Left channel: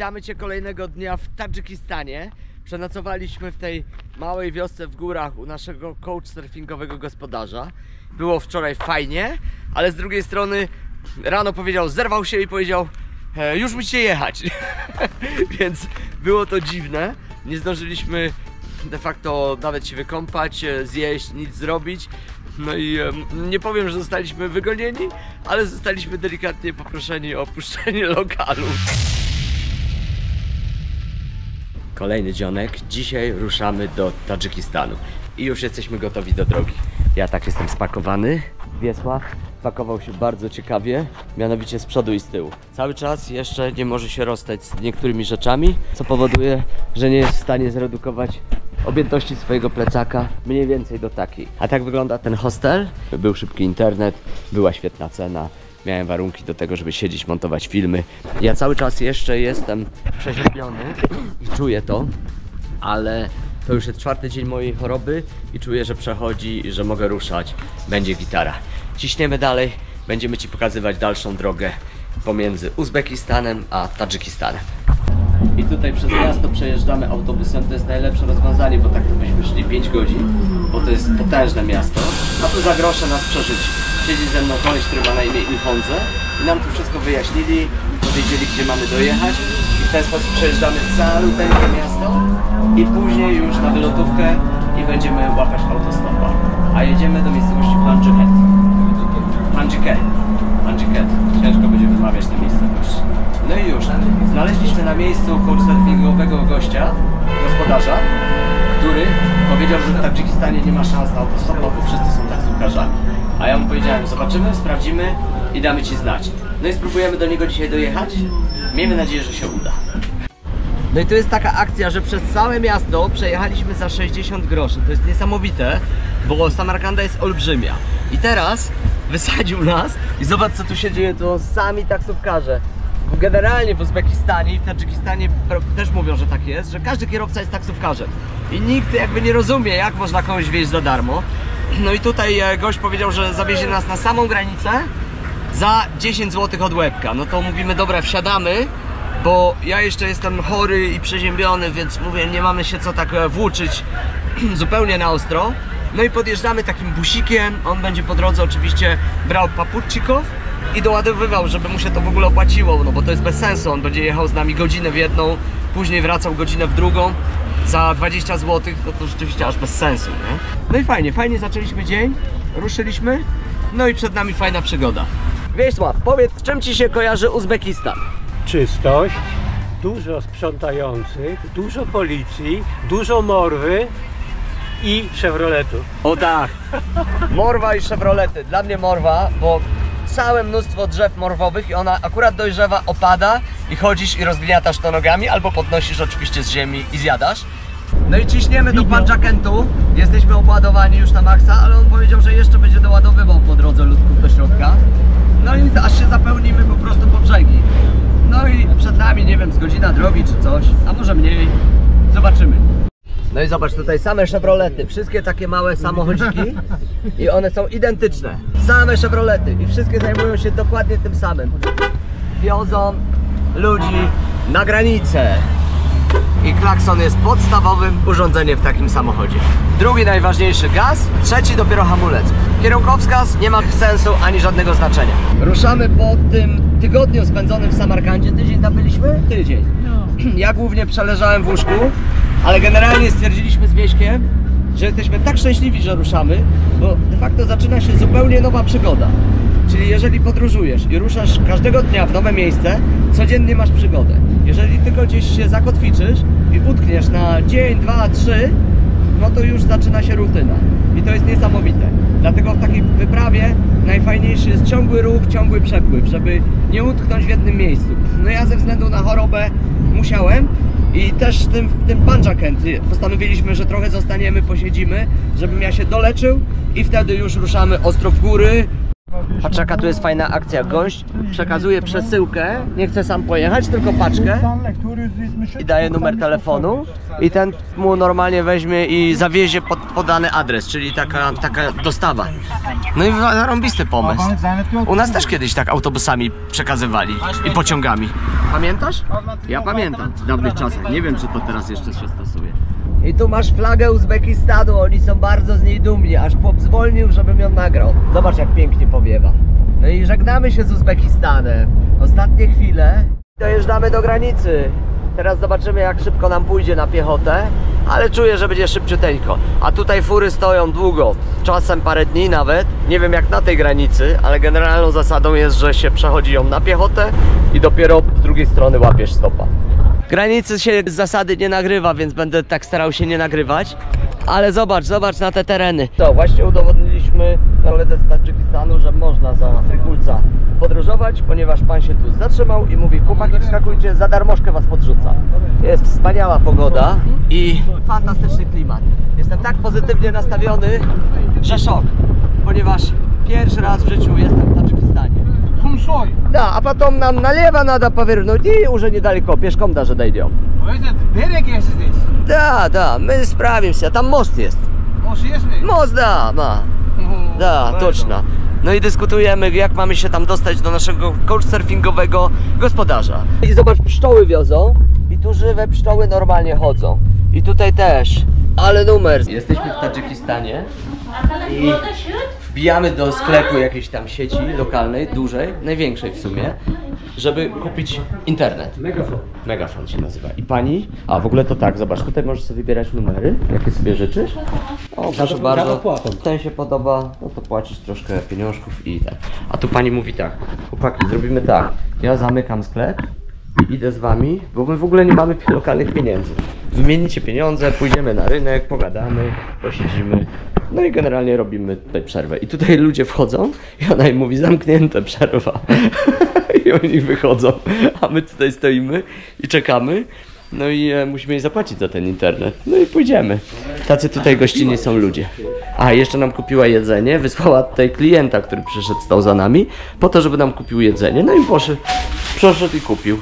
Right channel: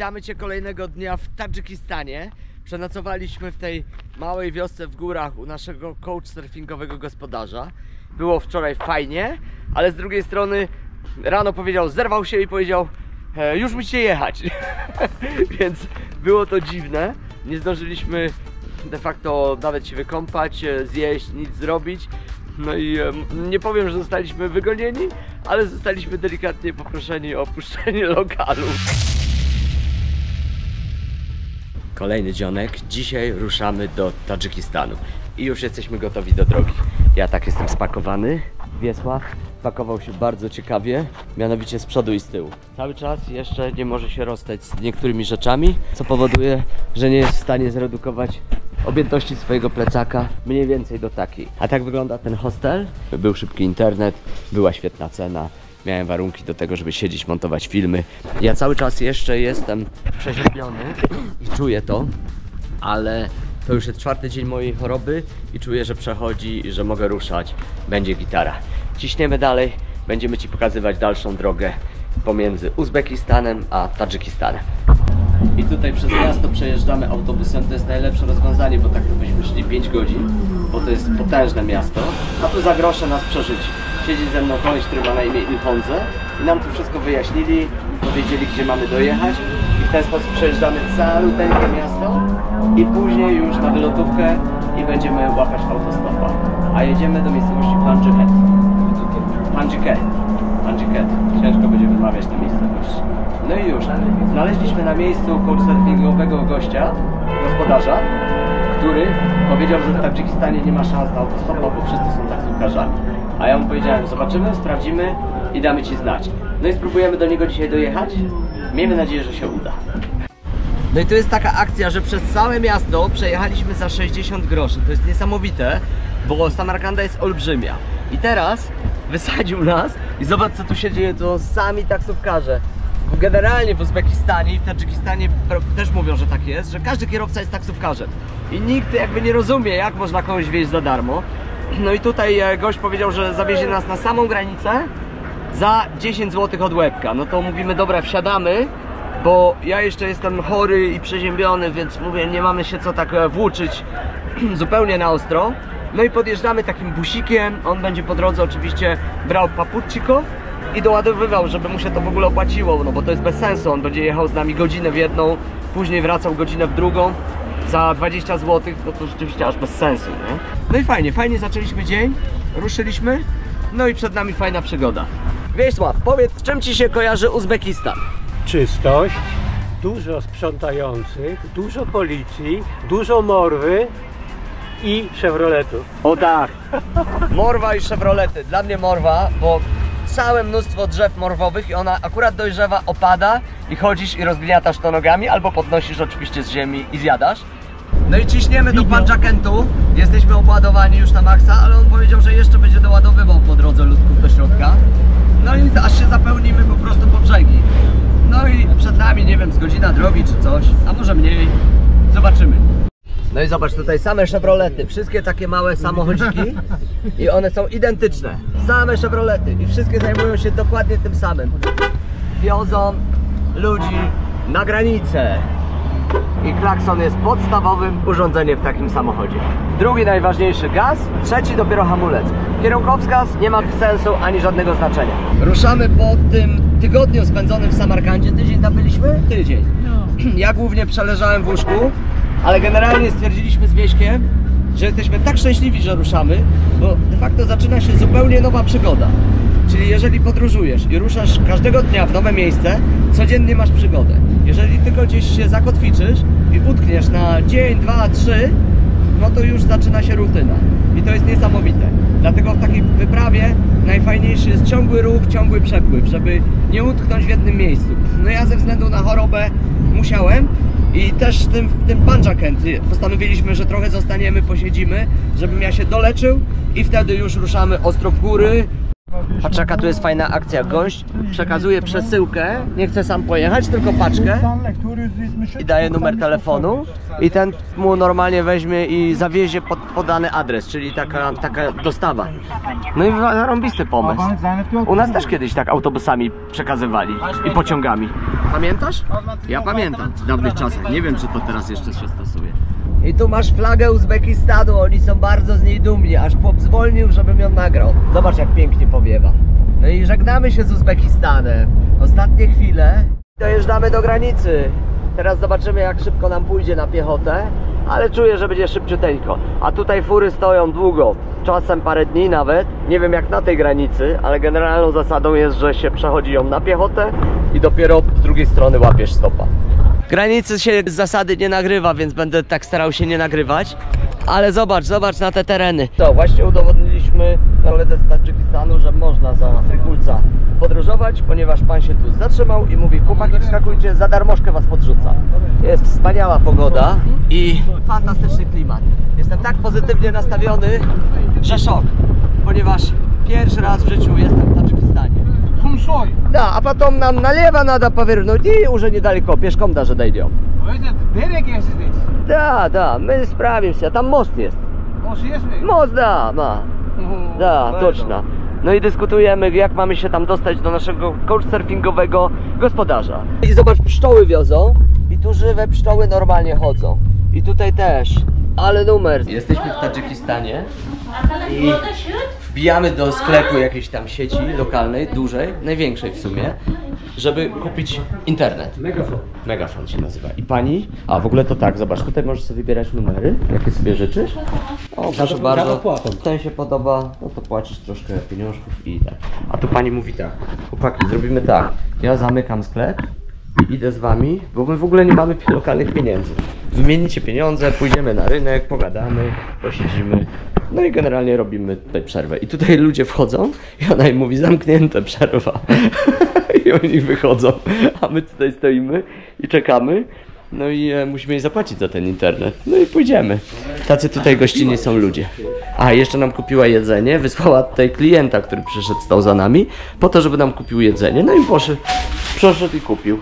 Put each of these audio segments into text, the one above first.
Witamy Cię kolejnego dnia w Tadżykistanie. Przenocowaliśmy w tej małej wiosce w górach u naszego couchsurfingowego gospodarza. Było wczoraj fajnie, ale z drugiej strony rano powiedział, zerwał się i powiedział, już musicie jechać. Więc było to dziwne. Nie zdążyliśmy de facto nawet się wykąpać, zjeść, nic zrobić. No i nie powiem, że zostaliśmy wygonieni, ale zostaliśmy delikatnie poproszeni o opuszczenie lokalu. Kolejny dzionek. Dzisiaj ruszamy do Tadżykistanu i już jesteśmy gotowi do drogi. Ja tak jestem spakowany. Wiesław pakował się bardzo ciekawie, mianowicie z przodu i z tyłu. Cały czas jeszcze nie może się rozstać z niektórymi rzeczami, co powoduje, że nie jest w stanie zredukować objętości swojego plecaka mniej więcej do takiej. A tak wygląda ten hostel. Był szybki internet, była świetna cena. Miałem warunki do tego, żeby siedzieć, montować filmy. Ja cały czas jeszcze jestem przeziębiony i czuję to, ale to już jest 4. dzień mojej choroby i czuję, że przechodzi i że mogę ruszać. Będzie gitara. Ciśniemy dalej, będziemy Ci pokazywać dalszą drogę pomiędzy Uzbekistanem a Tadżykistanem. I tutaj przez miasto przejeżdżamy autobusem, to jest najlepsze rozwiązanie, bo tak to byśmy szli 5 godzin, bo to jest potężne miasto, a tu za grosze nas przerzuci. Siedzi ze mną koleś, który ma na imię Ilhondze i nam tu wszystko wyjaśnili, powiedzieli, gdzie mamy dojechać i w ten sposób przejeżdżamy caluteńkie miasto i później już na wylotówkę i będziemy łapać autostopa. A jedziemy do miejscowości Panjiket. Ciężko będzie wymawiać tę miejscowość. No i już, znaleźliśmy na miejscu couchsurfingowego gościa, gospodarza, który powiedział, że w Tadżykistanie nie ma szans na autostopa, bo wszyscy są taksówkarzami. A ja mu powiedziałem, zobaczymy, sprawdzimy i damy Ci znać. No i spróbujemy do niego dzisiaj dojechać. Miejmy nadzieję, że się uda. No i to jest taka akcja, że przez całe miasto przejechaliśmy za 60 groszy. To jest niesamowite, bo Samarkanda jest olbrzymia. I teraz wysadził nas i zobacz, co tu się dzieje, to sami taksówkarze. Generalnie w Uzbekistanie i w Tadżykistanie też mówią, że tak jest, że każdy kierowca jest taksówkarzem. I nikt jakby nie rozumie, jak można kogoś wieźć za darmo. No i tutaj gość powiedział, że zawiezie nas na samą granicę za 10 zł od łebka. No to mówimy, dobra, wsiadamy, bo ja jeszcze jestem chory i przeziębiony, więc mówię, nie mamy się co tak włóczyć zupełnie na ostro. No i podjeżdżamy takim busikiem, on będzie po drodze oczywiście brał paputczyków i doładowywał, żeby mu się to w ogóle opłaciło, no bo to jest bez sensu, on będzie jechał z nami godzinę w jedną, później wracał godzinę w drugą za 20 zł, no to rzeczywiście aż bez sensu, nie? No i fajnie zaczęliśmy dzień, ruszyliśmy, no i przed nami fajna przygoda. Wiesław, powiedz, czym Ci się kojarzy Uzbekistan? Czystość, dużo sprzątających, dużo policji, dużo morwy i Chevroletów. O tak, morwa i Chevrolety. Dla mnie morwa, bo całe mnóstwo drzew morwowych i ona akurat dojrzewa, opada i chodzisz i rozgniatasz to nogami albo podnosisz oczywiście z ziemi i zjadasz. No i ciśniemy do Panjakentu. Jesteśmy obładowani już na maksa, ale on powiedział, że jeszcze będzie doładowywał po drodze ludków do środka. No i aż się zapełnimy po prostu po brzegi. No i przed nami, nie wiem, z godzina drogi czy coś, a może mniej. Zobaczymy. No i zobacz, tutaj same Chevrolety, wszystkie takie małe samochodziki i one są identyczne. Same Chevrolety i wszystkie zajmują się dokładnie tym samym. Wiozą ludzi na granicę. I klakson jest podstawowym urządzeniem w takim samochodzie. Drugi najważniejszy gaz, trzeci dopiero hamulec. Kierunkowskaz nie ma sensu ani żadnego znaczenia. Ruszamy po tym tygodniu spędzonym w Samarkandzie. Tydzień tam byliśmy? Tydzień. Ja głównie przeleżałem w łóżku, ale generalnie stwierdziliśmy z Wieśkiem, że jesteśmy tak szczęśliwi, że ruszamy, bo de facto zaczyna się zupełnie nowa przygoda. Czyli jeżeli podróżujesz i ruszasz każdego dnia w nowe miejsce, codziennie masz przygodę. Jeżeli tylko gdzieś się zakotwiczysz i utkniesz na dzień, 2, 3, no to już zaczyna się rutyna. I to jest niesamowite. Dlatego w takiej wyprawie najfajniejszy jest ciągły ruch, ciągły przepływ, żeby nie utknąć w jednym miejscu. No ja ze względu na chorobę musiałem i też w tym Panjkent postanowiliśmy, że trochę zostaniemy, posiedzimy, żebym ja się doleczył i wtedy już ruszamy ostro w góry. Patrz, jaka tu jest fajna akcja. Gość przekazuje przesyłkę, nie chce sam pojechać, tylko paczkę i daje numer telefonu i ten mu normalnie weźmie i zawiezie pod podany adres, czyli taka dostawa. No i zarąbisty pomysł. U nas też kiedyś tak autobusami przekazywali i pociągami. Pamiętasz? Ja pamiętam w dawnych czasach. Nie wiem, czy to teraz jeszcze się stosuje. I tu masz flagę Uzbekistanu, oni są bardzo z niej dumni, aż chłop zwolnił, żebym ją nagrał. Zobacz, jak pięknie powiewa. No i żegnamy się z Uzbekistanem. Ostatnie chwile. Dojeżdżamy do granicy. Teraz zobaczymy, jak szybko nam pójdzie na piechotę, ale czuję, że będzie szybciuteńko. A tutaj fury stoją długo, czasem parę dni nawet. Nie wiem jak na tej granicy, ale generalną zasadą jest, że się przechodzi ją na piechotę i dopiero z drugiej strony łapiesz stopa. Granicy się z zasady nie nagrywa, więc będę tak starał się nie nagrywać. Ale zobacz na te tereny. To właśnie udowodniliśmy koledze z Tadżykistanu, że można za Frikulca podróżować, ponieważ pan się tu zatrzymał i mówi: chłopaki, wskakujcie, za darmożkę was podrzuca. Jest wspaniała pogoda i fantastyczny klimat. Jestem tak pozytywnie nastawiony, że szok, ponieważ pierwszy raz w życiu jestem w Tadżykistanie. Да, а потом нам налево надо повернуть и уже недалеко, пешком даже дойдем. Берег есть здесь? Да, мы справимся, там мост есть. Мост есть ли? Most, da, точно. No i dyskutujemy, jak mamy się tam dostać do naszego couchsurfingowego gospodarza. I zobacz, pszczoły wiozą i tu żywe pszczoły normalnie chodzą. I tutaj też, ale numer. Jesteśmy w Tadżykistanie i wbijamy do sklepu jakiejś tam sieci lokalnej, dużej, największej w sumie, żeby kupić internet. Megafon się nazywa. I pani, a w ogóle to tak, zobacz, tutaj możesz sobie wybierać numery, jakie sobie życzysz. O, proszę bardzo, ten się podoba, no to płacisz troszkę pieniążków i tak. A tu pani mówi tak: chłopaki, zrobimy tak, ja zamykam sklep i idę z wami, bo my w ogóle nie mamy lokalnych pieniędzy. Wymienicie pieniądze, pójdziemy na rynek, pogadamy, posiedzimy. No i generalnie robimy tutaj przerwę. I tutaj ludzie wchodzą i ona im mówi: zamknięte, przerwa. I oni wychodzą, a my tutaj stoimy i czekamy. No i musimy jej zapłacić za ten internet. No i pójdziemy. Tacy tutaj gościnni są ludzie. A jeszcze nam kupiła jedzenie, wysłała tutaj klienta, który przyszedł, stał za nami, po to, żeby nam kupił jedzenie. No i poszedł i kupił.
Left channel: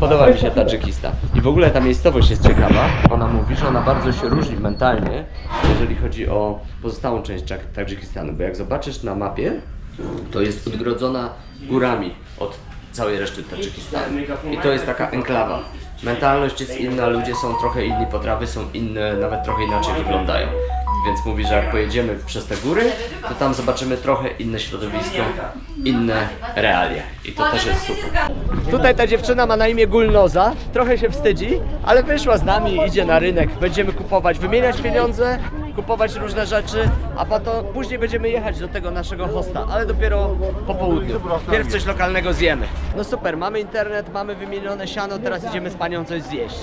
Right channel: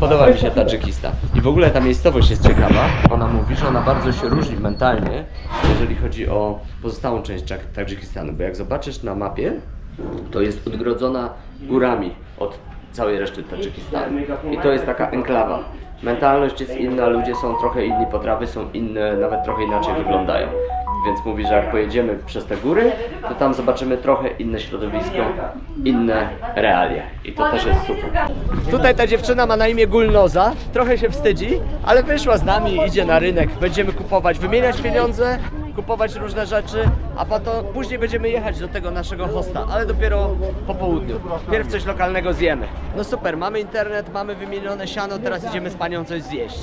Podoba mi się Tadżykistan. I w ogóle ta miejscowość jest ciekawa. Ona mówi, że ona bardzo się różni mentalnie, jeżeli chodzi o pozostałą część Tadżykistanu. Bo jak zobaczysz na mapie, to jest odgrodzona górami od całej reszty Tadżykistanu. I to jest taka enklawa. Mentalność jest inna, ludzie są trochę inni, potrawy są inne, nawet trochę inaczej wyglądają. Więc mówi, że jak pojedziemy przez te góry, to tam zobaczymy trochę inne środowisko, inne realia. I to też jest super. Tutaj ta dziewczyna ma na imię Gulnoza, trochę się wstydzi, ale wyszła z nami, idzie na rynek. Będziemy kupować, wymieniać pieniądze, kupować różne rzeczy, a później będziemy jechać do tego naszego hosta, ale dopiero po południu. Pierw coś lokalnego zjemy. No super, mamy internet, mamy wymienione siano, teraz idziemy z panią coś zjeść.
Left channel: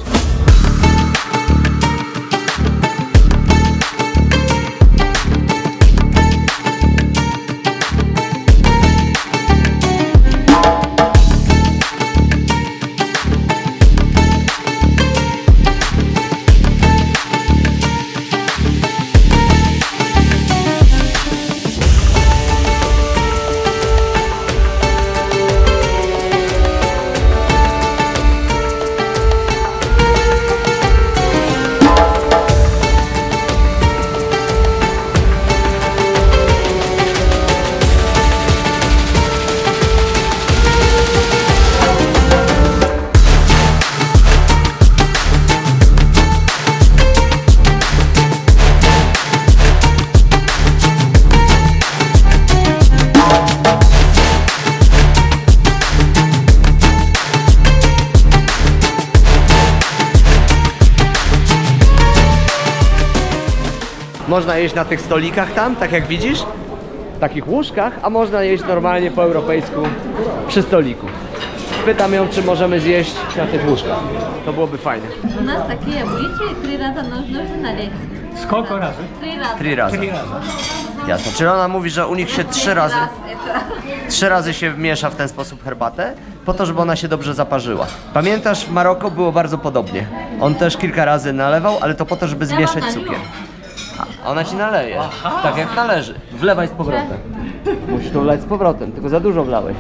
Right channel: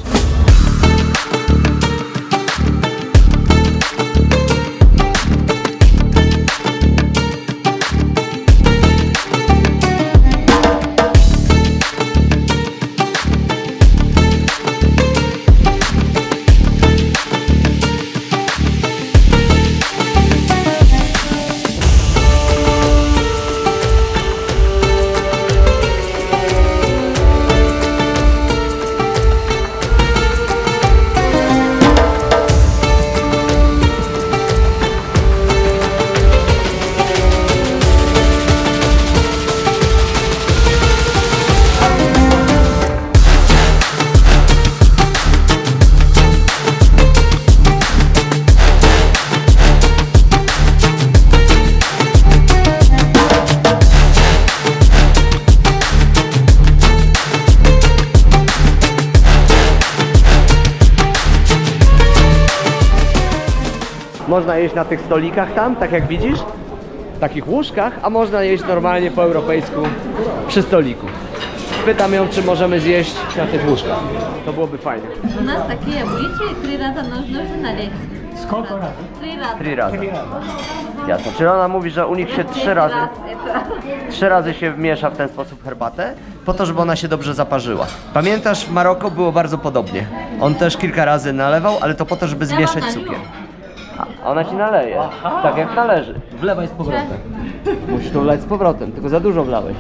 Można jeść na tych stolikach tam, tak jak widzisz, w takich łóżkach, a można jeść normalnie po europejsku przy stoliku. Pytam ją, czy możemy zjeść na tych łóżkach. To byłoby fajnie. У нас такие обычаи, 3 раза нужно налить. Сколько раз? 3 раза. 3 razy. Jasno. Czyli ona mówi, że u nich się 3 razy, Это 3 razy się miesza w ten sposób herbatę, po to, żeby ona się dobrze zaparzyła. Pamiętasz, w Maroku było bardzo podobnie. On też kilka razy nalewał, ale to po to, żeby zmieszać cukier. A ona ci naleje, tak jak należy. Wlewaj z powrotem. Musisz to wlać z powrotem, tylko za dużo wlałeś.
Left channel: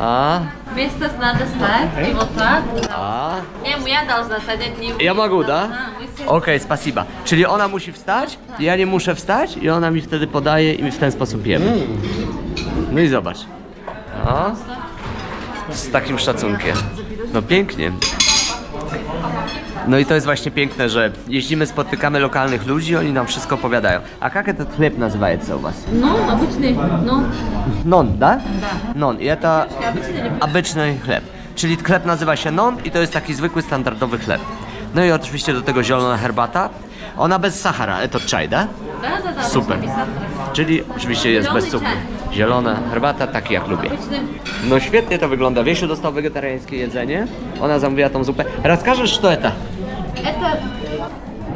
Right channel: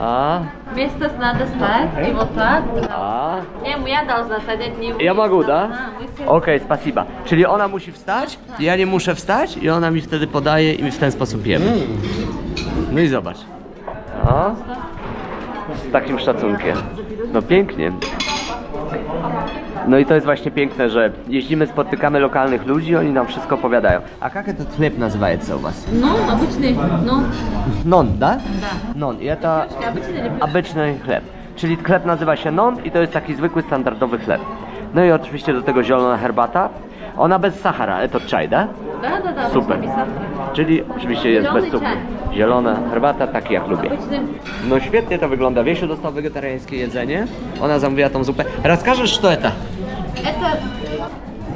A, Вместо надо ставить и вот так. a. Не, я должна садить, не вы. Ja mogę, da? А, вы все- Okej, spasiba. Czyli ona musi wstać, ja nie muszę wstać i ona mi wtedy podaje i w ten sposób jemy. No i zobacz. O, z takim szacunkiem. No pięknie. No i to jest właśnie piękne, że jeździmy, spotykamy lokalnych ludzi, oni nam wszystko opowiadają. A jak ten chleb nazywa u was? Ну, обычный, ну, Non, da? да. Non. I to Обычный или obyczny chleb. Czyli chleb nazywa się non i to jest taki zwykły, standardowy chleb. No i oczywiście do tego zielona herbata. Ona bez sachara, to czaj, da? Да, Super. обычный без сахара. Czyli oczywiście jest bez cukru. Zielona herbata, taki jak lubię. Обычный. No świetnie to wygląda. Wiesiu dostał wegetariańskie jedzenie. Ona zamówiła tą zupę. Расскажешь, что это? Это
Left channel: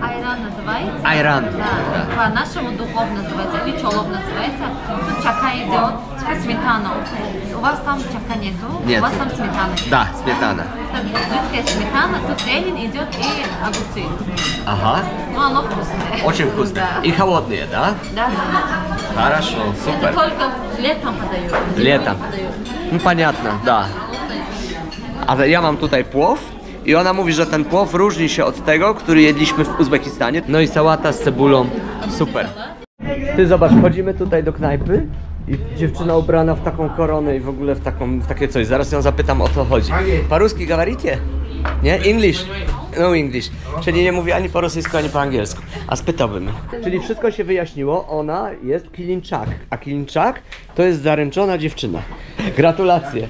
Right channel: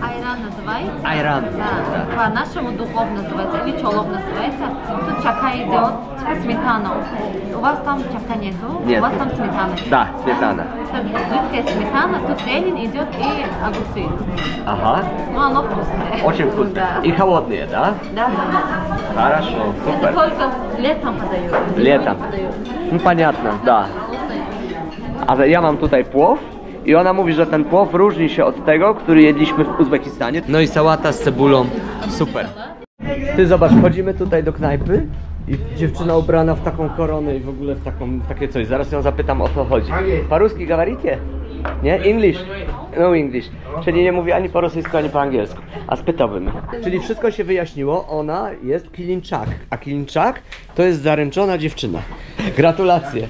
айран называется. Айран. Да, по-нашему духов называется, или чолов называется. Тут чака идет, типа сметана. У вас там чака нету, Нет. у вас там сметана. Да, сметана. Так, жидкая сметана, тут зелень идет и огурцы. Aha. Ну, оно вкусное. Очень вкусно. Да. И холодные, да? Да, да. Хорошо, Это супер. только летом подают. зимой Летом. не подают. No понятно, да. Холодное. Ale ja mam tutaj płow i ona mówi, że ten płow różni się od tego, który jedliśmy w Uzbekistanie. No i sałata z cebulą, super. Ty zobacz, chodzimy tutaj do knajpy i dziewczyna ubrana w taką koronę i w ogóle w takie coś. Zaraz ją zapytam, o co chodzi. Po-ruski говорите? Nie? English? No English. Czyli nie mówi ani po rosyjsku, ani po angielsku. A spytałbym. Czyli wszystko się wyjaśniło, ona jest Kilinczak. A Kilinczak to jest zaręczona dziewczyna. Gratulacje.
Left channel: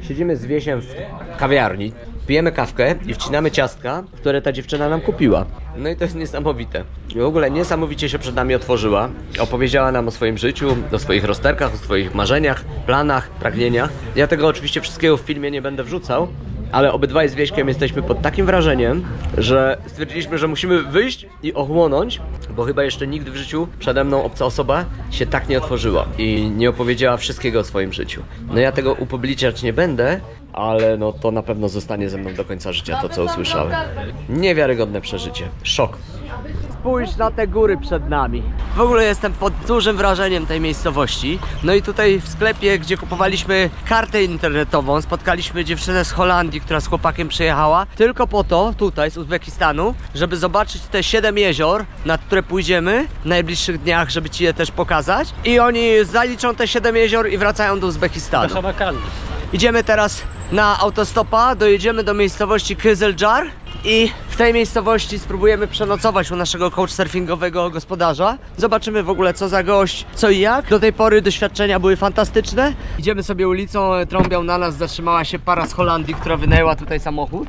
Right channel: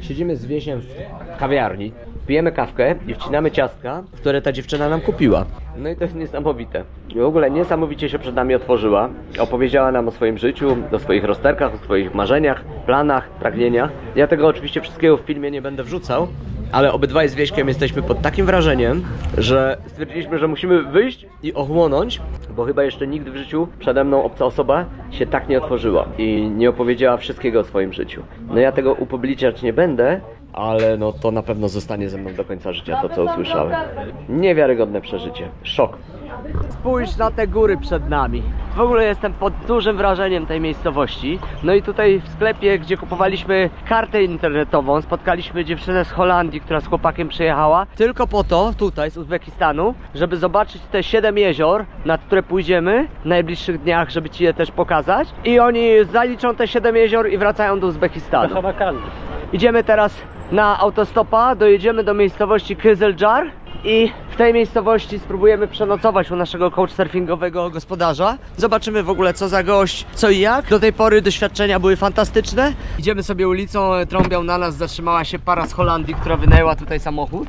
Siedzimy z Wiesiem w kawiarni, pijemy kawkę i wcinamy ciastka, które ta dziewczyna nam kupiła. No i to jest niesamowite. W ogóle niesamowicie się przed nami otworzyła. Opowiedziała nam o swoim życiu, o swoich rozterkach, o swoich marzeniach, planach, pragnieniach. Ja tego oczywiście wszystkiego w filmie nie będę wrzucał, ale obydwaj z Wieśkiem jesteśmy pod takim wrażeniem, że stwierdziliśmy, że musimy wyjść i ochłonąć, bo chyba jeszcze nigdy w życiu przede mną obca osoba się tak nie otworzyła i nie opowiedziała wszystkiego o swoim życiu. No ja tego upubliczniać nie będę, ale no to na pewno zostanie ze mną do końca życia to, co usłyszałem. Niewiarygodne przeżycie. Szok. Spójrz na te góry przed nami. W ogóle jestem pod dużym wrażeniem tej miejscowości. No i tutaj w sklepie, gdzie kupowaliśmy kartę internetową, spotkaliśmy dziewczynę z Holandii, która z chłopakiem przyjechała tylko po to, tutaj z Uzbekistanu, żeby zobaczyć te 7 jezior, na które pójdziemy w najbliższych dniach, żeby ci je też pokazać. I oni zaliczą te 7 jezior i wracają do Uzbekistanu. To Samarkand. Idziemy teraz na autostopa, dojedziemy do miejscowości Kızılcahr i w tej miejscowości spróbujemy przenocować u naszego couchsurfingowego gospodarza. Zobaczymy w ogóle co za gość, co i jak. Do tej pory doświadczenia były fantastyczne. Idziemy sobie ulicą, trąbią na nas, zatrzymała się para z Holandii, która wynajęła tutaj samochód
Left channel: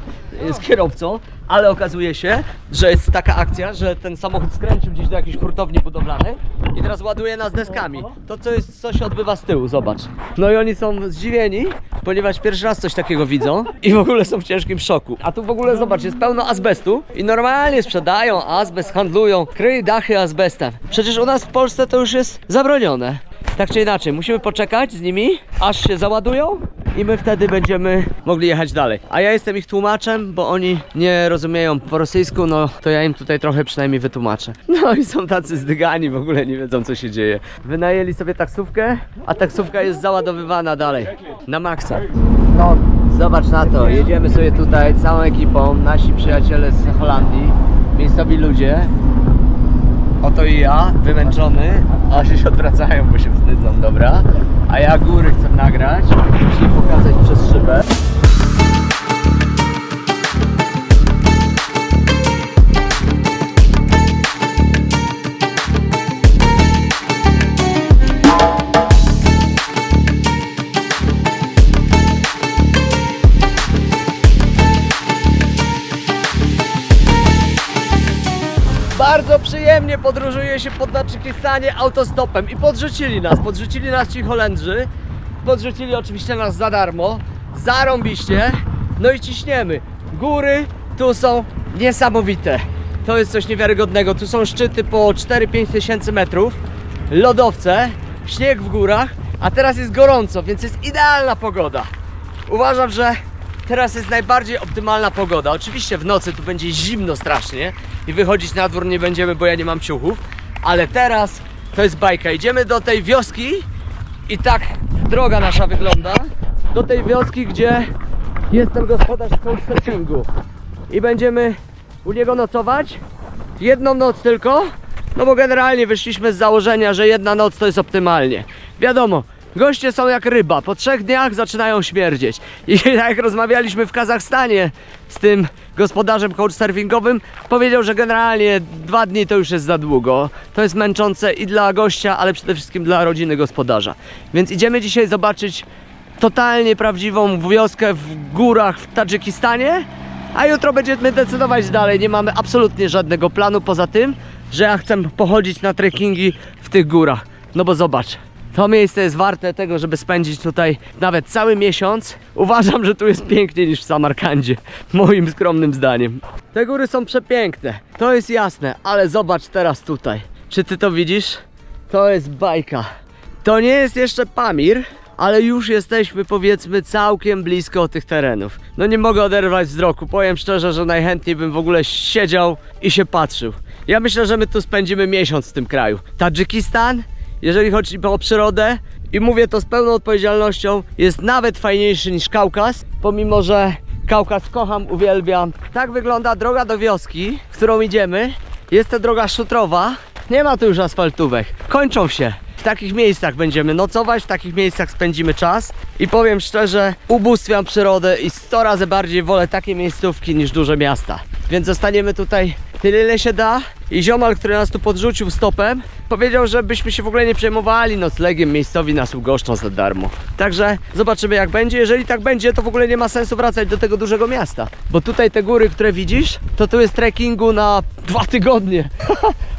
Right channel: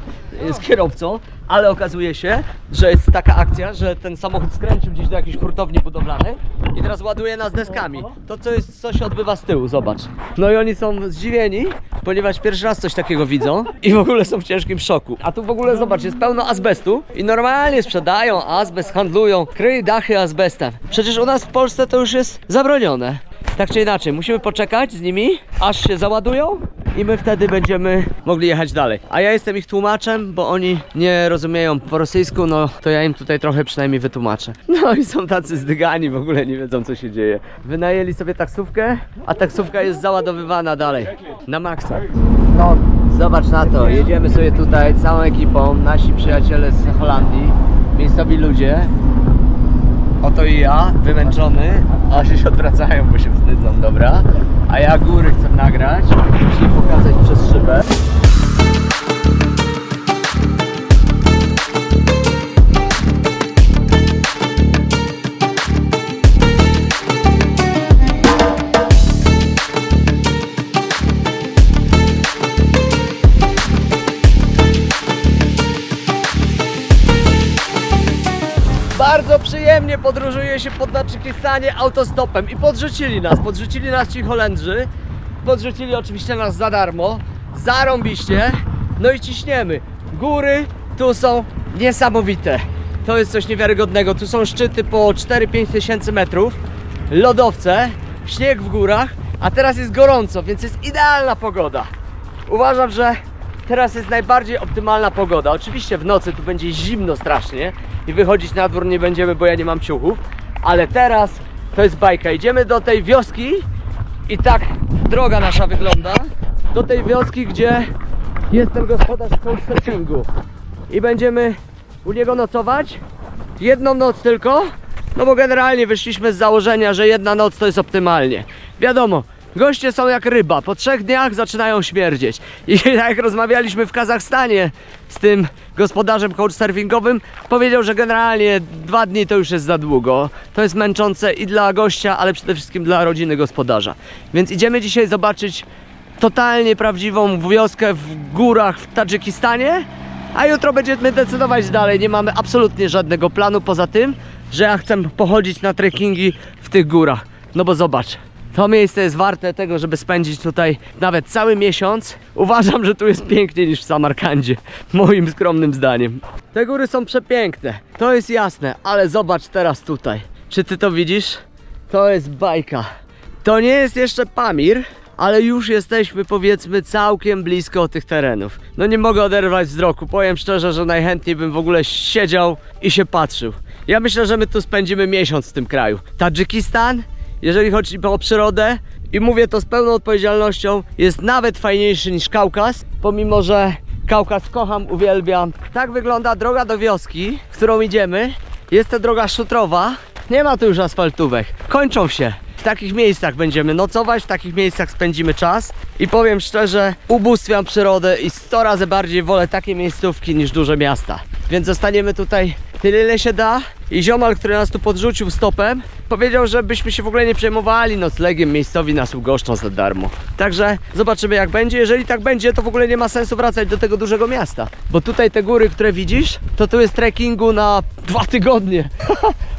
z kierowcą, ale okazuje się, że jest taka akcja, że ten samochód skręcił gdzieś do jakiejś hurtowni budowlanej i teraz ładuje nas deskami. To co się odbywa z tyłu, zobacz. No i oni są zdziwieni, ponieważ pierwszy raz coś takiego widzą i w ogóle są w ciężkim szoku. A tu w ogóle zobacz, jest pełno azbestu i normalnie sprzedają azbest, handlują, kryj dachy azbestem. Przecież u nas w Polsce to już jest zabronione. Tak czy inaczej, musimy poczekać z nimi, aż się załadują i my wtedy będziemy mogli jechać dalej. A ja jestem ich tłumaczem, bo oni nie rozumieją po rosyjsku, no to ja im tutaj trochę przynajmniej wytłumaczę. No i są tacy zdygani, w ogóle nie wiedzą co się dzieje. Wynajęli sobie taksówkę, a taksówka jest załadowywana dalej, na maksa. No, zobacz na to, jedziemy sobie tutaj całą ekipą, nasi przyjaciele z Holandii, miejscowi ludzie. Oto i ja, wymęczony, a się odwracają, bo się wstydzą, dobra? A ja góry chcę nagrać, czyli pokazać przez szybę. Bardzo przyjemnie podróżuje się po Tadżykistanie autostopem i podrzucili nas ci Holendrzy, podrzucili oczywiście nas za darmo, zarąbiście, no i ciśniemy. Góry tu są niesamowite, to jest coś niewiarygodnego, tu są szczyty po 4-5 tysięcy metrów, lodowce, śnieg w górach, a teraz jest gorąco, więc jest idealna pogoda. Uważam, że teraz jest najbardziej optymalna pogoda. Oczywiście w nocy tu będzie zimno strasznie i wychodzić na dwór nie będziemy, bo ja nie mam ciuchów, ale teraz To jest bajka. Idziemy do tej wioski i tak droga nasza wygląda. Do tej wioski, gdzie jest ten gospodarz couchsurfingu. I będziemy u niego nocować. Jedną noc tylko. No bo generalnie wyszliśmy z założenia, że jedna noc to jest optymalnie. Wiadomo, goście są jak ryba, po 3 dniach zaczynają śmierdzieć. I tak jak rozmawialiśmy w Kazachstanie z tym gospodarzem couchsurfingowym, powiedział, że generalnie 2 dni to już jest za długo. To jest męczące i dla gościa, ale przede wszystkim dla rodziny gospodarza. Więc idziemy dzisiaj zobaczyć totalnie prawdziwą wioskę w górach w Tadżykistanie, a jutro będziemy decydować dalej. Nie mamy absolutnie żadnego planu poza tym, że ja chcę pochodzić na trekkingi w tych górach. No bo zobacz, to miejsce jest warte tego, żeby spędzić tutaj nawet cały miesiąc. Uważam, że tu jest piękniej niż w Samarkandzie, moim skromnym zdaniem. Te góry są przepiękne, to jest jasne, ale zobacz teraz tutaj. Czy ty to widzisz? To jest bajka. To nie jest jeszcze Pamir, ale już jesteśmy, powiedzmy, całkiem blisko tych terenów. No nie mogę oderwać wzroku, powiem szczerze, że najchętniej bym w ogóle siedział i się patrzył. Ja myślę, że my tu spędzimy miesiąc w tym kraju. Tadżykistan, jeżeli chodzi o przyrodę, i mówię to z pełną odpowiedzialnością, jest nawet fajniejszy niż Kaukaz, pomimo że Kaukaz kocham, uwielbiam. Tak wygląda droga do wioski, którą idziemy. Jest to droga szutrowa, nie ma tu już asfaltówek, kończą się. W takich miejscach będziemy nocować, w takich miejscach spędzimy czas i powiem szczerze, ubóstwiam przyrodę i 100 razy bardziej wolę takie miejscówki niż duże miasta. Więc zostaniemy tutaj tyle, ile się da. I ziomal, który nas tu podrzucił stopem, powiedział, żebyśmy się w ogóle nie przejmowali noclegiem, miejscowi nas ugoszczą za darmo. Także zobaczymy, jak będzie. Jeżeli tak będzie, to w ogóle nie ma sensu wracać do tego dużego miasta. Bo tutaj te góry, które widzisz, to tu jest trekkingu na 2 tygodnie.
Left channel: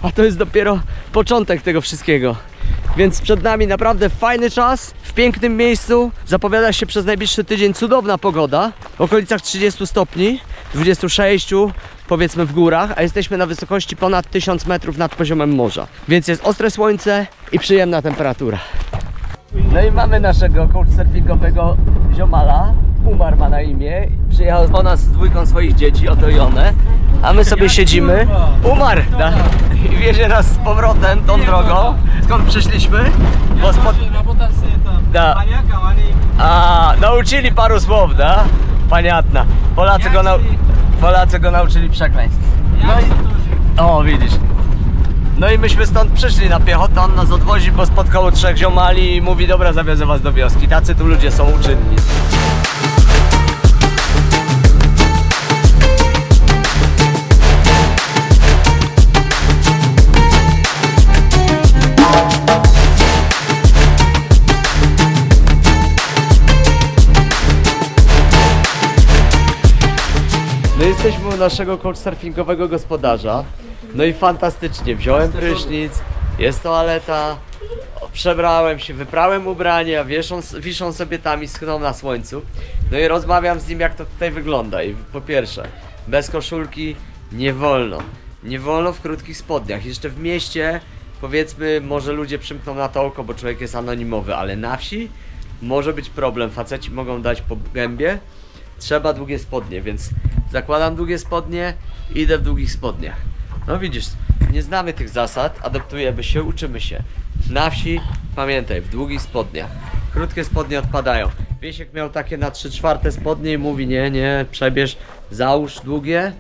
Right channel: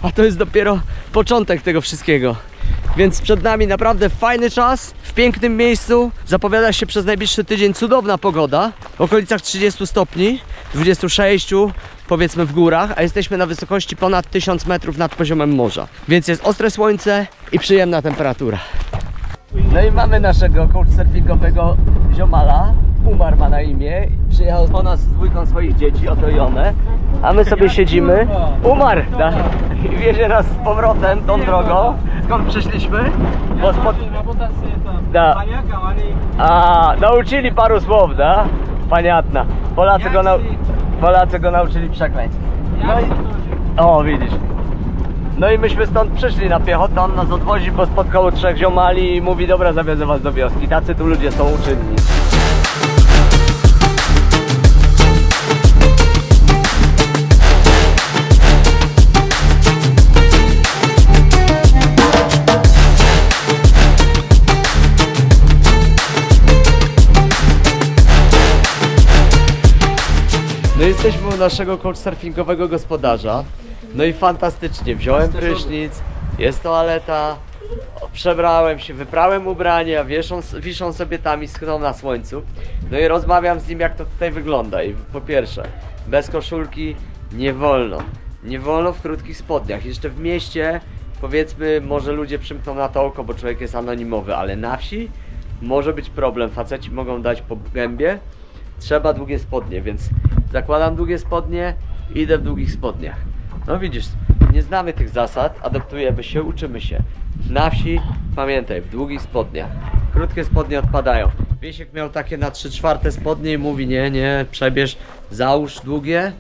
A to jest dopiero początek tego wszystkiego. Więc przed nami naprawdę fajny czas, w pięknym miejscu. Zapowiada się przez najbliższy tydzień cudowna pogoda. W okolicach 30 stopni, 26 powiedzmy w górach, a jesteśmy na wysokości ponad 1000 metrów nad poziomem morza. Więc jest ostre słońce i przyjemna temperatura. No i mamy naszego couchsurfingowego ziomala. Umar ma na imię. Przyjechał po nas z 2 swoich dzieci, otrojone. A my sobie siedzimy. Umarł! I wiezie nas z powrotem tą drogą. Skąd przyszliśmy? Bo da. A, nauczyli paru słów, da? Paniatna. Polacy go nauczyli przekleństw. No i... O, widzisz. No i myśmy stąd przyszli na piechotę, on nas odwozi, bo spotkało 3 ziomali i mówi, dobra, zawiozę was do wioski. Tacy tu ludzie są uczynni. No jesteśmy u naszego couchsurfingowego gospodarza. No i fantastycznie, wziąłem prysznic, jest toaleta, przebrałem się, wyprałem ubrania, wiszą sobie tam i schną na słońcu. No i rozmawiam z nim, jak to tutaj wygląda. I po pierwsze, bez koszulki nie wolno. Nie wolno w krótkich spodniach. Jeszcze w mieście, powiedzmy, może ludzie przymkną na to oko, bo człowiek jest anonimowy, ale na wsi może być problem. Faceci mogą dać po gębie. Trzeba długie spodnie, więc zakładam długie spodnie i idę w długich spodniach. No widzisz, nie znamy tych zasad, adaptujemy się, uczymy się. Na wsi, pamiętaj, w długich spodniach. Krótkie spodnie odpadają. Wiesiek miał takie na 3/4 spodnie i mówi, nie, przebierz, załóż długie,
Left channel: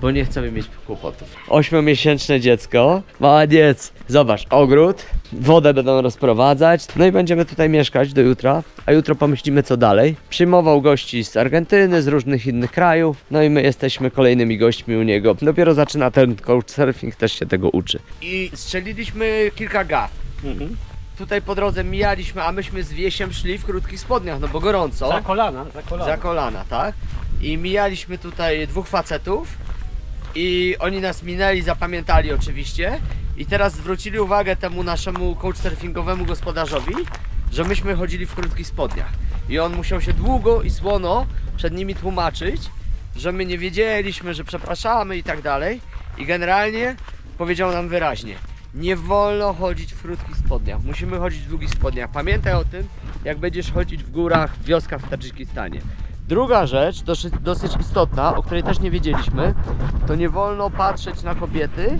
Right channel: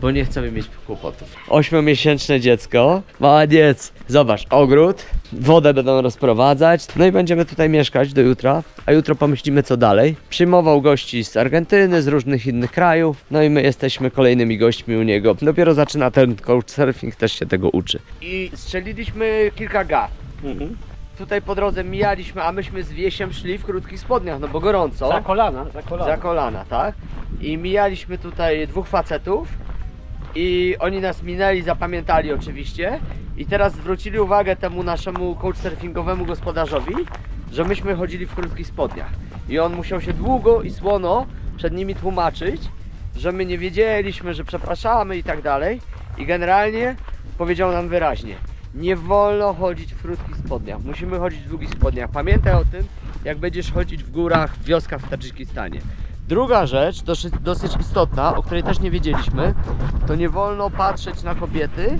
bo nie chcemy mieć kłopotów. 8-miesięczne dziecko, maladiec. Zobacz, ogród, wodę będą rozprowadzać, no i będziemy tutaj mieszkać do jutra, a jutro pomyślimy, co dalej. Przyjmował gości z Argentyny, z różnych innych krajów, no i my jesteśmy kolejnymi gośćmi u niego. Dopiero zaczyna ten couchsurfing, też się tego uczy. I strzeliliśmy kilka gaf. Tutaj po drodze mijaliśmy, a myśmy z Wiesiem szli w krótkich spodniach, no bo gorąco. Za kolana. Za kolana, tak? I mijaliśmy tutaj 2 facetów i oni nas minęli, zapamiętali oczywiście i teraz zwrócili uwagę temu naszemu couchsurfingowemu gospodarzowi, że myśmy chodzili w krótkich spodniach i on musiał się długo i słono przed nimi tłumaczyć, że my nie wiedzieliśmy, że przepraszamy i tak dalej i generalnie powiedział nam wyraźnie: nie wolno chodzić w krótkich spodniach, musimy chodzić w długich spodniach. Pamiętaj o tym, jak będziesz chodzić w górach, w wioskach w Tadżykistanie. Druga rzecz, dosyć istotna, o której też nie wiedzieliśmy, to nie wolno patrzeć na kobiety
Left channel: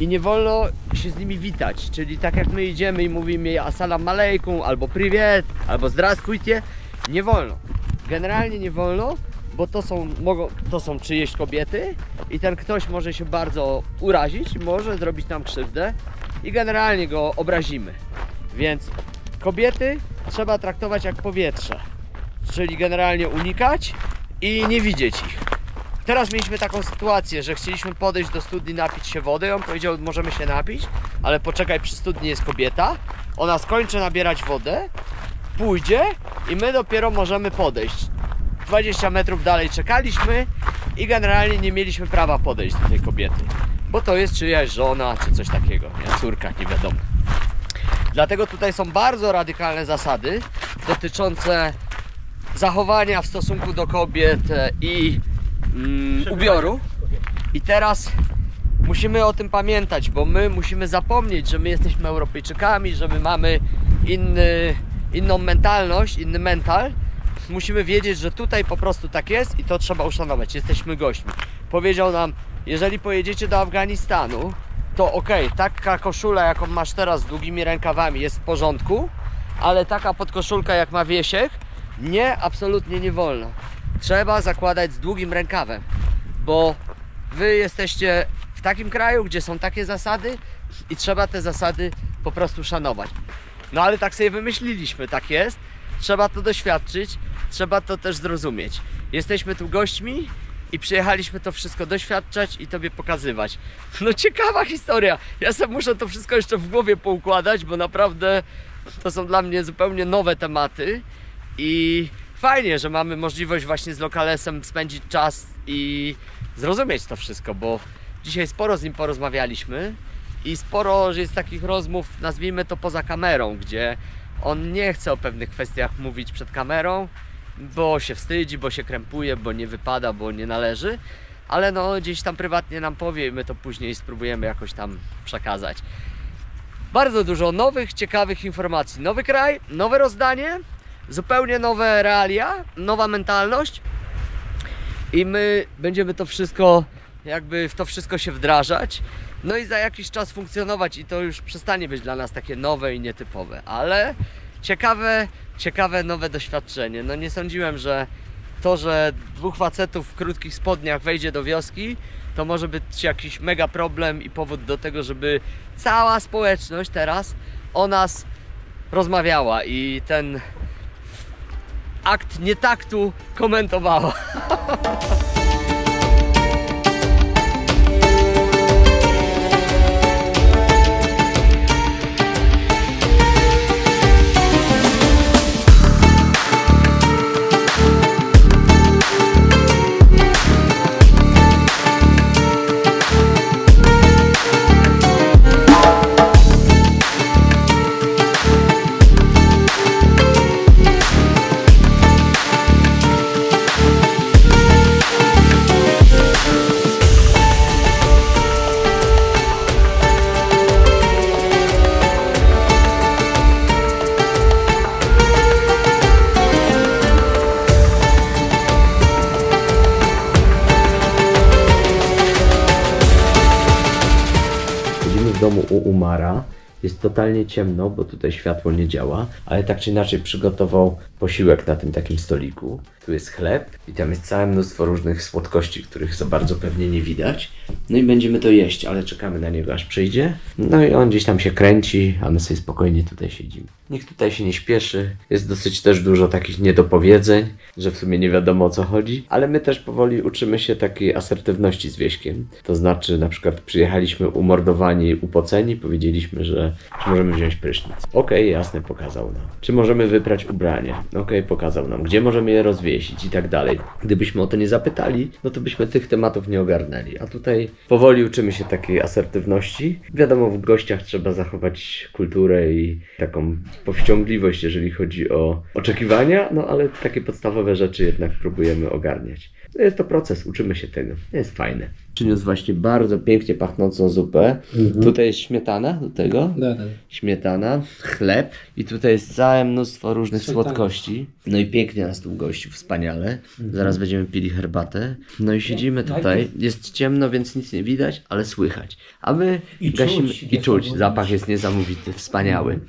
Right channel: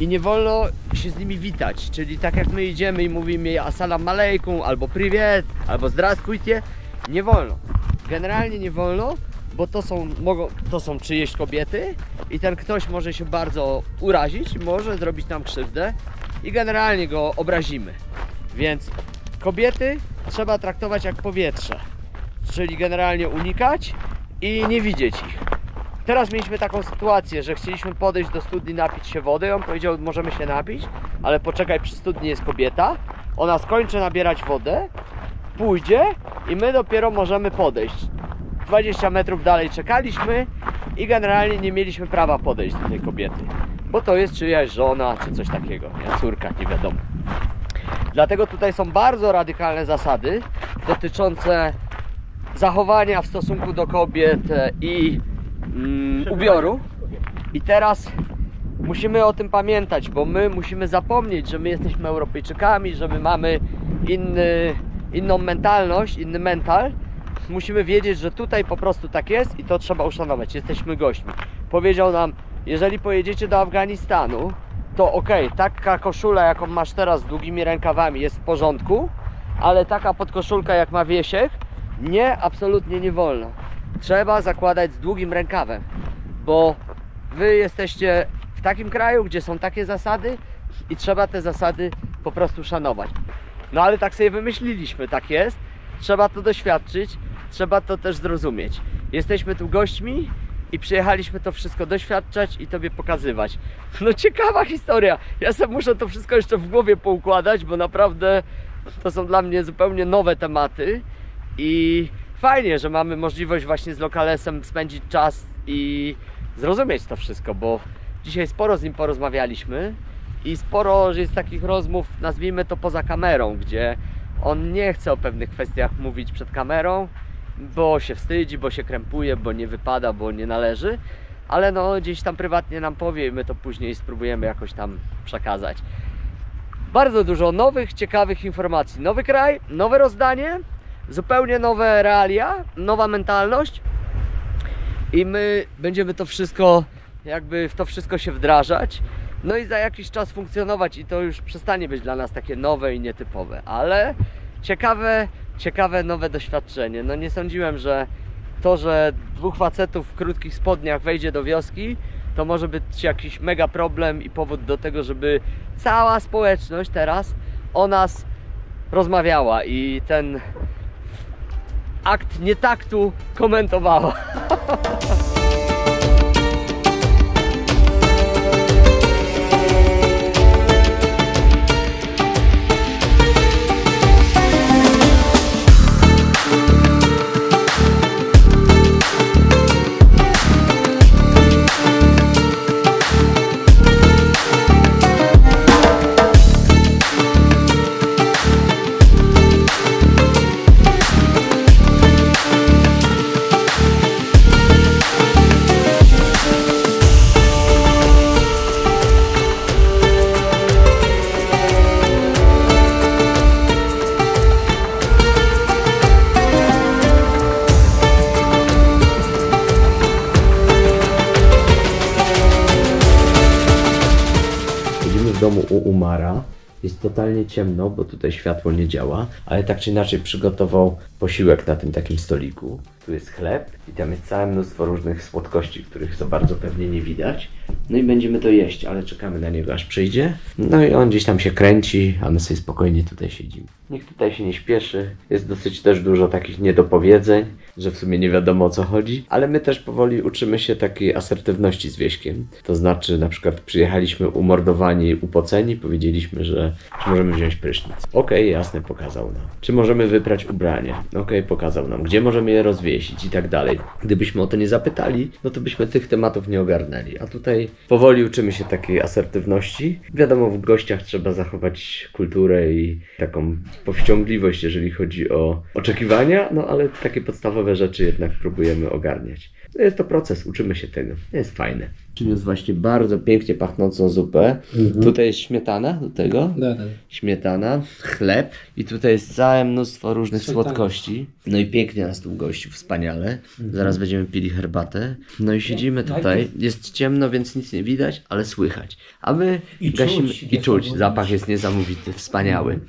i nie wolno się z nimi witać. Czyli tak jak my idziemy i mówimy assalamu alaikum, albo privet, albo zdravstvujte, nie wolno. Generalnie nie wolno, bo to są czyjeś kobiety i ten ktoś może się bardzo urazić, może zrobić nam krzywdę i generalnie go obrazimy. Więc kobiety trzeba traktować jak powietrze, czyli generalnie unikać i nie widzieć ich. Teraz mieliśmy taką sytuację, że chcieliśmy podejść do studni, napić się wody. On powiedział, możemy się napić, ale poczekaj, przy studni jest kobieta. Ona skończy nabierać wodę, pójdzie i my dopiero możemy podejść. 20 metrów dalej czekaliśmy i generalnie nie mieliśmy prawa podejść do tej kobiety, bo to jest czyjaś żona czy coś takiego, nie? Córka, nie wiadomo. Dlatego tutaj są bardzo radykalne zasady dotyczące zachowania w stosunku do kobiet i ubioru. I teraz musimy o tym pamiętać, bo my musimy zapomnieć, że my jesteśmy Europejczykami, że my mamy inną mentalność, inny mental. Musimy wiedzieć, że tutaj po prostu tak jest i to trzeba uszanować. Jesteśmy gośćmi. Powiedział nam, jeżeli pojedziecie do Afganistanu, to okej, taka koszula, jaką masz teraz z długimi rękawami, jest w porządku, ale taka podkoszulka, jak ma Wiesiek, nie, absolutnie nie wolno. Trzeba zakładać z długim rękawem, bo wy jesteście w takim kraju, gdzie są takie zasady i trzeba te zasady po prostu szanować. No ale tak sobie wymyśliliśmy, tak jest. Trzeba to doświadczyć, trzeba to też zrozumieć. Jesteśmy tu gośćmi i przyjechaliśmy to wszystko doświadczać i tobie pokazywać. No ciekawa historia. Ja sobie muszę to wszystko jeszcze w głowie poukładać, bo naprawdę to są dla mnie zupełnie nowe tematy i fajnie, że mamy możliwość właśnie z Lokalesem spędzić czas i zrozumieć to wszystko, bo dzisiaj sporo z nim porozmawialiśmy i sporo jest takich rozmów, nazwijmy to poza kamerą, gdzie on nie chce o pewnych kwestiach mówić przed kamerą, bo się wstydzi, bo się krępuje, bo nie wypada, bo nie należy, ale no gdzieś tam prywatnie nam powie i my to później spróbujemy jakoś tam przekazać. Bardzo dużo nowych, ciekawych informacji. Nowy kraj, nowe rozdanie, zupełnie nowe realia, nowa mentalność i my będziemy to wszystko, jakby w to wszystko się wdrażać. No i za jakiś czas funkcjonować i to już przestanie być dla nas takie nowe i nietypowe, ale ciekawe nowe doświadczenie. No nie sądziłem, że to, że dwóch facetów w krótkich spodniach wejdzie do wioski, to może być jakiś mega problem i powód do tego, żeby cała społeczność teraz o nas rozmawiała i ten akt nietaktu komentowała. W domu u Umara. Jest totalnie ciemno, bo tutaj światło nie działa, ale tak czy inaczej przygotował posiłek na tym takim stoliku. Tu jest chleb i tam jest całe mnóstwo różnych słodkości, których za bardzo pewnie nie widać. No i będziemy to jeść, ale czekamy na niego aż przyjdzie. No i on gdzieś tam się kręci, a my sobie spokojnie tutaj siedzimy. Nikt tutaj się nie śpieszy, jest dosyć też dużo takich niedopowiedzeń, że w sumie nie wiadomo o co chodzi, ale my też powoli uczymy się takiej asertywności z Wieśkiem. To znaczy na przykład przyjechaliśmy umordowani, upoceni, powiedzieliśmy, że czy możemy wziąć prysznic. Okej, jasne, pokazał nam. Czy możemy wyprać ubranie? Okej, pokazał nam. Gdzie możemy je rozwiesić i tak dalej. Gdybyśmy o to nie zapytali, no to byśmy tych tematów nie ogarnęli. A tutaj powoli uczymy się takiej asertywności. Wiadomo, w gościach trzeba zachować kulturę i taką powściągliwość, jeżeli chodzi o oczekiwania, no ale takie podstawowe rzeczy jednak próbujemy ogarniać. No jest to proces, uczymy się tego. Jest fajne. Przyniósł właśnie bardzo pięknie pachnącą zupę. Tutaj jest śmietana do tego. Śmietana, chleb i tutaj jest całe mnóstwo różnych słodkości. No i pięknie nas tu gościł, wspaniale. Zaraz będziemy pili herbatę. No i siedzimy tutaj. Jest ciemno, więc nic nie widać, ale słychać. A my gasimy i czuć. Zapach jest niesamowity, wspaniały.